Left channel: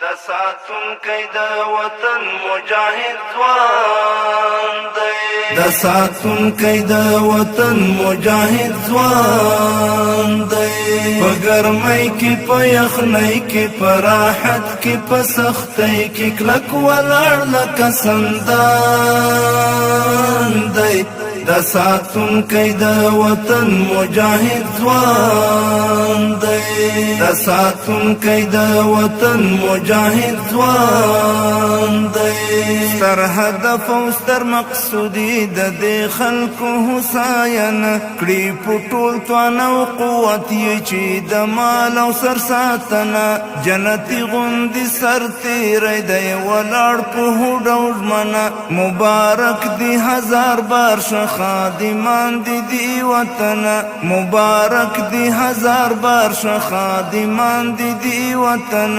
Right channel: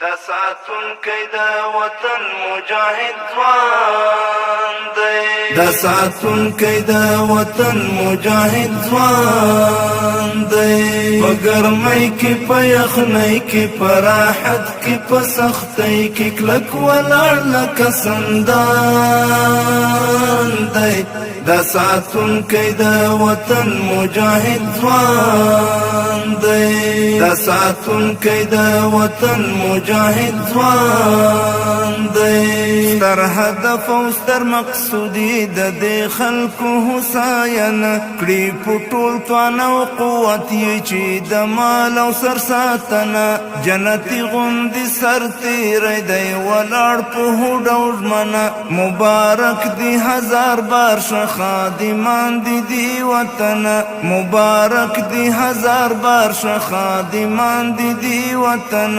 دا ساتونکی د وطن مجاهد ځوان دی، دا ساتونکی د وطن مجاهد ځوان دی. په ګرمۍ کې په یخنۍ کې په راحت کې په سختۍ کې کلک ولاړ لکه سندان دی. دا ساتونکی د وطن مجاهد ځوان دی، دا ساتونکی د وطن مجاهد ځوان دی. ستر هدف او ستر مقصودی د دې خلکو هوساینه کړي په ټول توان او قوت یې چې د مال او سر ساتنه جنتي غوندې سر تیری دی ولاړ په هوډ او ژمنه. مبارک دی هزار بار شه خادمان دی وطن، مبارک دی هزار بار شه خادمان دی وطن.